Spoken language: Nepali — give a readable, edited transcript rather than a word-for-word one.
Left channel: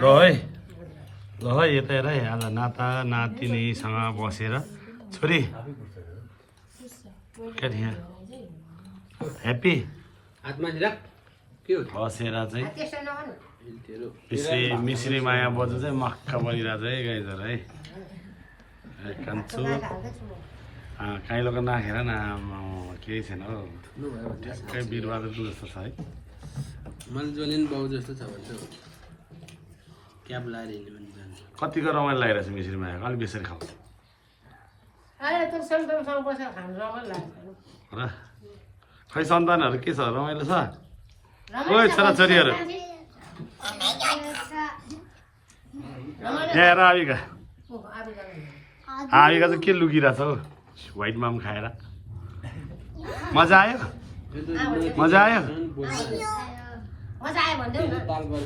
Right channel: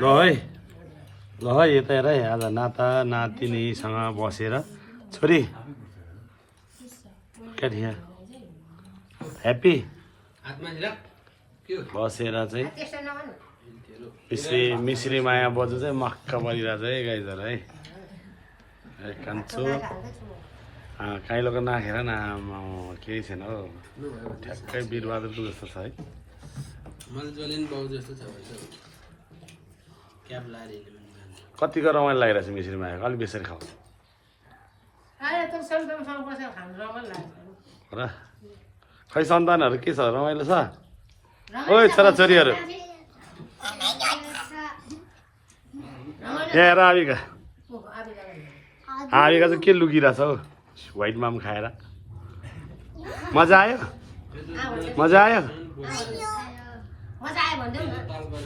ल है ल है यता हेर है आज नाता नातिनीसँग बसेर छोरी क्या थियो ह्याप्पी बसेर चाहिँ मिश्री माया बजु चाहिँ मक्क बनिरहेछ है गाइजहरू है कान्छु काइलोको नाखेर न केही छैन हो ठ्याक्कै वीरबहादुरको जस्तो छ है कतिको रमाइलो लागिरहेछ मिश्री मायाको अलिक बेसरी खाऊ र खै सन्तानहरू के छ रमाइलो छ ओइ छोराछोरीहरू यहाँ हेर आविका आविका चाहिँ के लुकिरहेछ हौ व्हाइट माम खाएर मजा आयो मजा आयो